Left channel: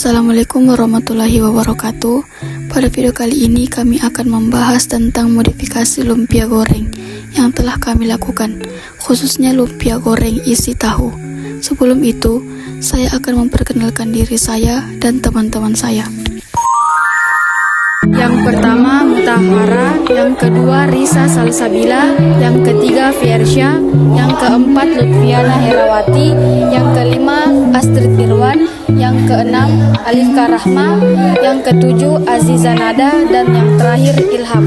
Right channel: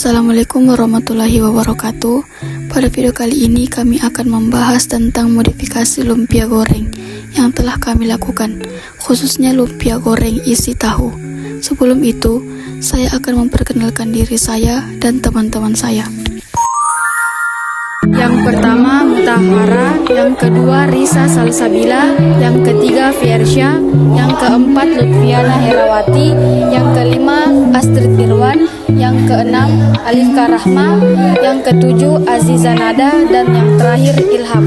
Assalamualaikum warahmatullahi wabarakatuh. Pada video kali ini kami akan membahas tentang modifikasi lumpia goreng yang telah kami lakukan, khususnya lumpia goreng isi tahu. Sebelum itu, saya akan memperkenalkan diri saya dan teman-teman saya. Yang pertama Mutahara, yang kedua Risa Salsabila, yang ketiga Fiersya, yang keempat Lutfiana Herawati, yang kelima Astrid Irwan, yang keenam Alifka Rahma, yang ketujuh Aziza Nada, dan yang terakhir Ilham.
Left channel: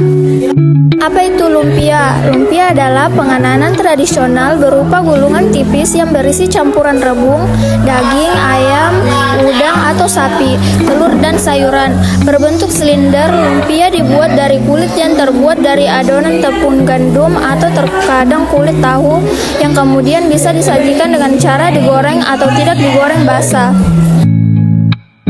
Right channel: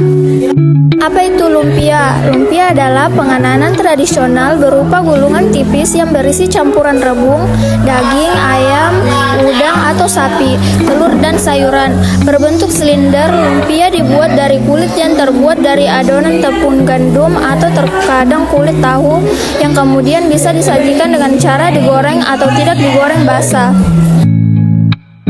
Apa itu lumpia? Lumpia adalah penganan tradisional berupa gulungan tipis yang berisi campuran rebung, daging, ayam, udang atau sapi, telur dan sayuran. Berbentuk silinder, lumpia dibuat dari kulit yang terbuat dari adonan tepung gandum atau terkadang kulit tahu yang kemudian bisa disajikan dengan cara digoreng atau tidak digoreng basah.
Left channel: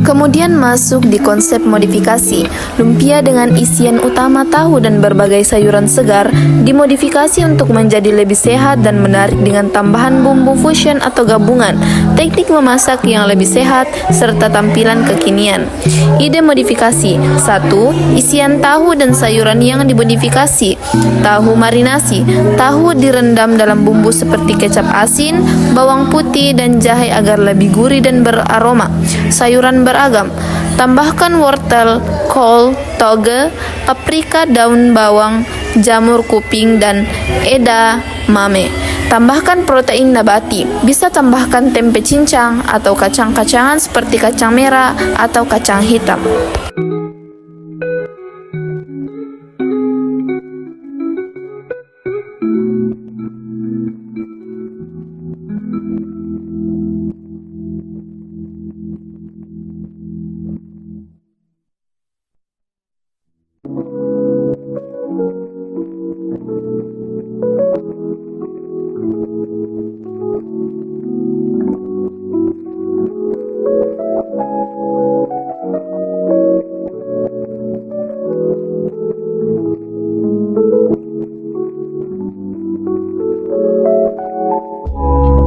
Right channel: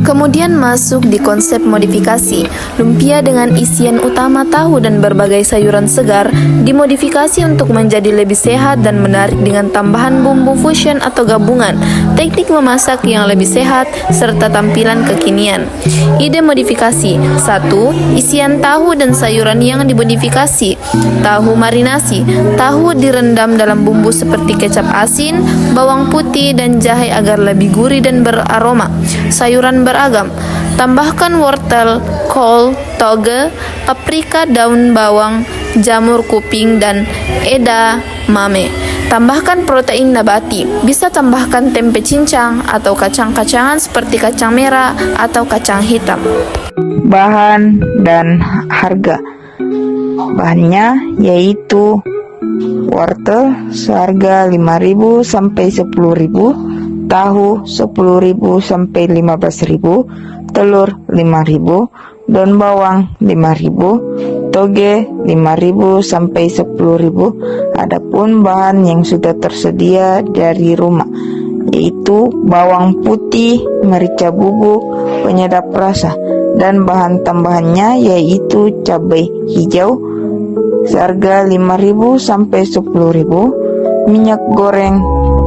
Kemudian masuk di konsep modifikasi. Lumpia dengan isian utama tahu dan berbagai sayuran segar dimodifikasi untuk menjadi lebih sehat dan menarik dengan tambahan bumbu fusion atau gabungan, teknik memasak yang lebih sehat, serta tampilan kekinian. Ide modifikasi: 1. Isian tahu dan sayuran yang dimodifikasi. Tahu marinasi. Tahu direndam dalam bumbu seperti kecap asin, bawang putih, dan jahe agar lebih gurih dan beraroma. Sayuran beragam. Tambahkan wortel, kol, toge, paprika, daun bawang, jamur kuping, dan edamame. Tambahkan protein nabati. Bisa tambahkan tempe cincang atau kacang-kacangan seperti kacang merah atau kacang hitam. Bahan dan harga. Bahannya yaitu wortel seharga 5.000 sampai 10.000, tahu 10.000 sampai 15.000, telur 5.000, daun bawang 5.000, toge 5.000 sampai 10.000. Adapun bahan yang sudah tersedia dari rumah yaitu bawang putih, merica bubuk, penyedap rasa, dan bahan tambahannya yaitu cabai hijau seharga 5.000 sampai 10.000, minyak goreng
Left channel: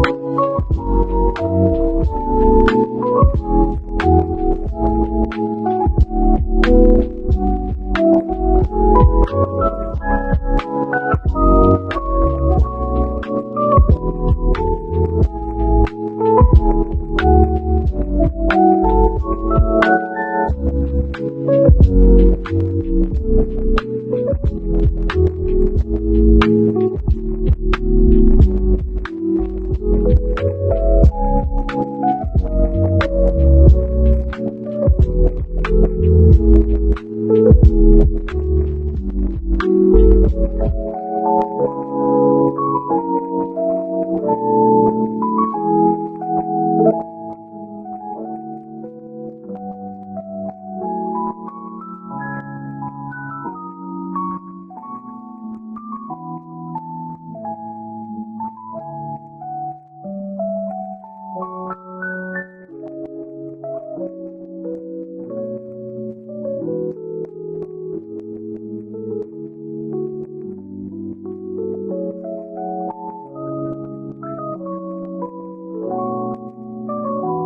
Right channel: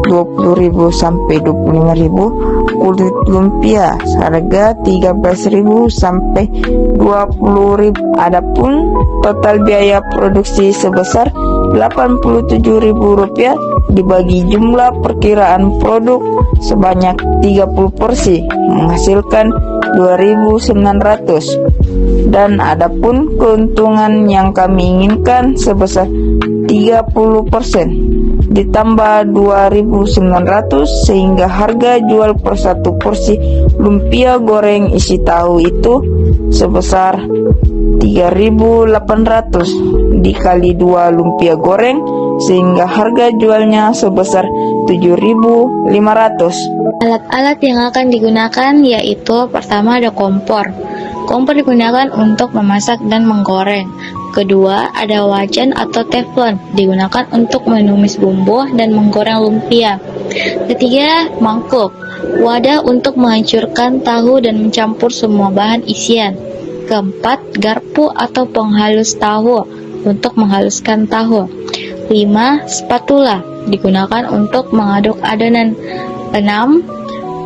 20.000 sampai 25.000, kulit lumpia seharga 13.000 sampai 20.000. Adapun total biaya produksi sebesar Rp87.000 dibagi jumlah perkiraan produk sebanyak 30 porsi menghasilkan 2.900, dan adapun keuntungan yang kami inginkan sebesar 30% ditambah 2.900 sehingga harga jual per satu porsi lumpia goreng isi tahu itu sebesar 3.800 dikali 2 lumpia goreng sehingga harga jualnya sebesar 7.500. Alat-alat yang akan digunakan yaitu pertama ada kompor. Kompor digunakan untuk memasak dan menggoreng. Kedua, ada wajan atau teflon, digunakan untuk menumis bumbu dan menggoreng lumpia. Ketiga, mangkuk, wadah untuk menghancurkan tahu dan mencampur semua bahan isian. Keempat, garpu atau penghalus tahu untuk menghaluskan tahu. 5. Spatula, digunakan untuk mengaduk adonan. 6.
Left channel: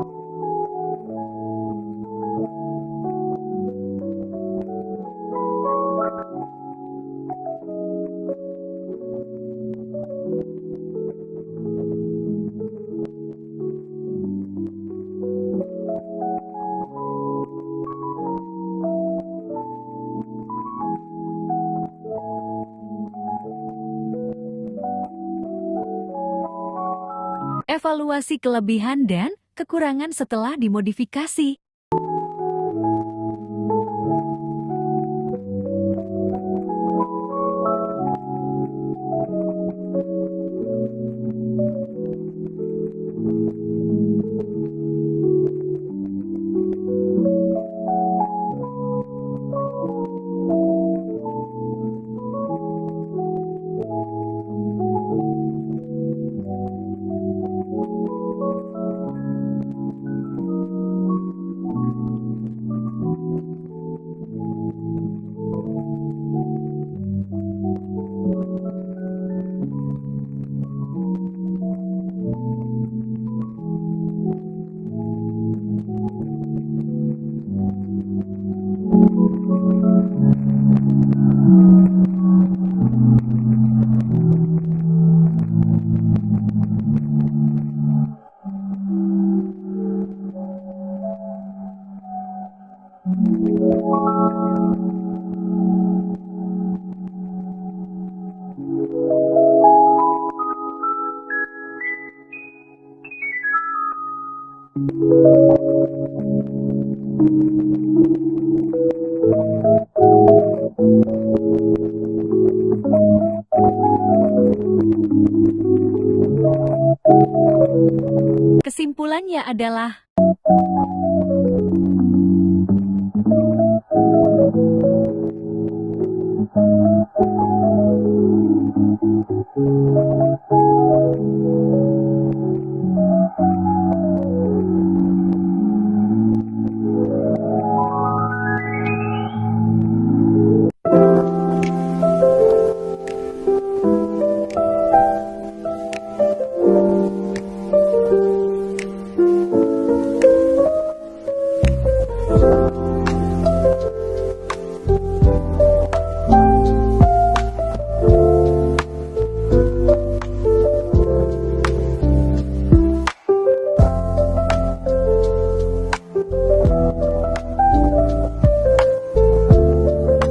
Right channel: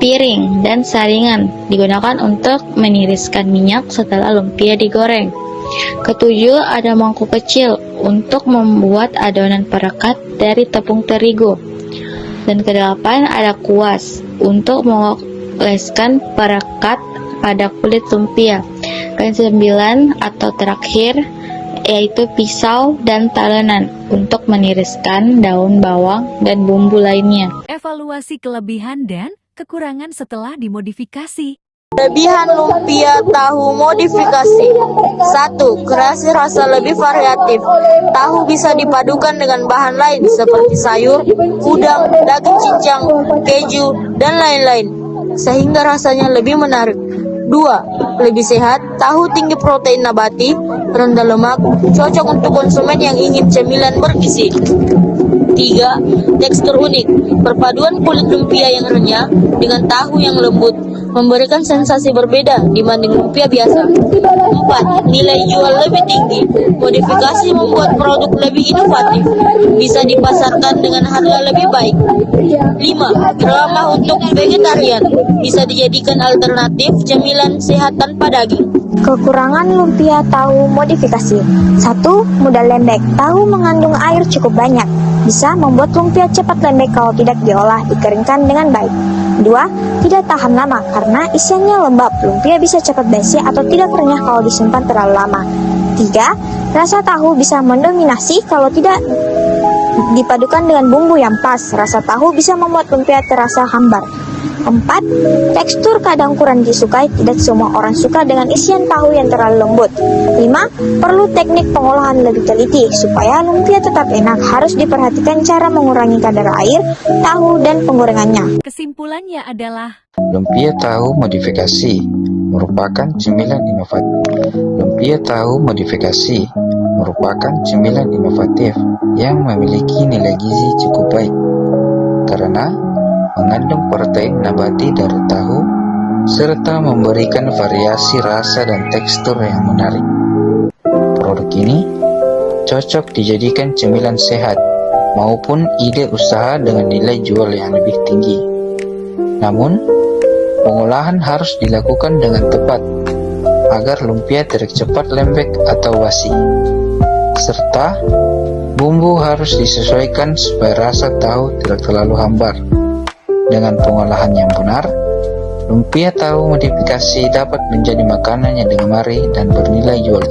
Piring dan saringan, digunakan untuk meniriskan minyak setelah lumpia digoreng. Ketujuh, ada mangkuk kecil untuk membuat adonan perekat dari tepung terigu. Dan kedelapan, ada kuas untuk mengoleskan perekat pada kulit lumpia. Dan 9 atau terakhir yaitu pisau dan talenan untuk meniriskan daun bawang dan bumbu lainnya. Evaluasi kelebihan dan kekurangan setelah dimodifikasi. Kelebihan lumpia tahu modifikasi. 1. Kreasi rasa lebih variatif. Tahu bisa dipadukan dengan bahan lain seperti sayur, udang, daging cincang, keju, dan lain-lain, sehingga rasanya lebih menarik. 2. Lebih sehat. Tahu tinggi protein nabati, rendah lemak, cocok untuk konsumen yang ingin cemilan bergizi. 3. Tekstur unik. Perpaduan kulit lumpia yang renyah dengan tahu yang lembut memberikan sensasi berbeda dibanding lumpia biasa. 4. Nilai jual lebih tinggi. Modifikasi membuat produk lebih inovatif, bisa dipasarkan dengan harga lebih baik. 5. Ramah untuk vegetarian, bisa dijadikan alternatif cemilan sehat tanpa daging. Kekurangan lumpia tahu modifikasi. 1. Mudah lembek. Tahu mengandung air cukup banyak. Bisa membuat lumpia cepat lembek kalau tidak diolah dikeringkan dengan baik. 2. Tidak tahan lama karena isiannya lembab. Lumpia bisa cepat basi atau tidak renyah kalau disimpan terlalu lama. 3. Rasa tahu bisa mendominasi kalau tidak dipadukan dengan bumbu yang pas. Rasa tahu bisa membuat lumpia terasa hambar. 4. Tekstur kadang kurang disukai. Tidak semua orang suka dengan isian tahu yang terlalu lembut. 5. Perlu teknik pengolahan lebih teliti supaya lumpia tetap enak. Harus diperhatikan cara mengurangi kadar air, tahu, dan penggorengannya. Kesimpulannya adalah Lumpia tahu modifikasi merupakan cemilan inovatif. Lumpia tahu modifikasi merupakan cemilan inovatif yang memiliki nilai gizi cukup baik karena mengandung protein nabati dari tahu serta memberikan variasi rasa dan tekstur yang menarik. Produk ini cocok dijadikan cemilan sehat maupun ide usaha dengan nilai jual yang lebih tinggi. Namun, pengolahan harus dilakukan dengan tepat agar lumpia tidak cepat lembek atau basi. Serta, bumbu harus disesuaikan supaya rasa tahu tidak terlalu hambar. Dengan pengolahan yang benar, lumpia tahu modifikasi dapat menjadi makanan yang digemari dan bernilai jual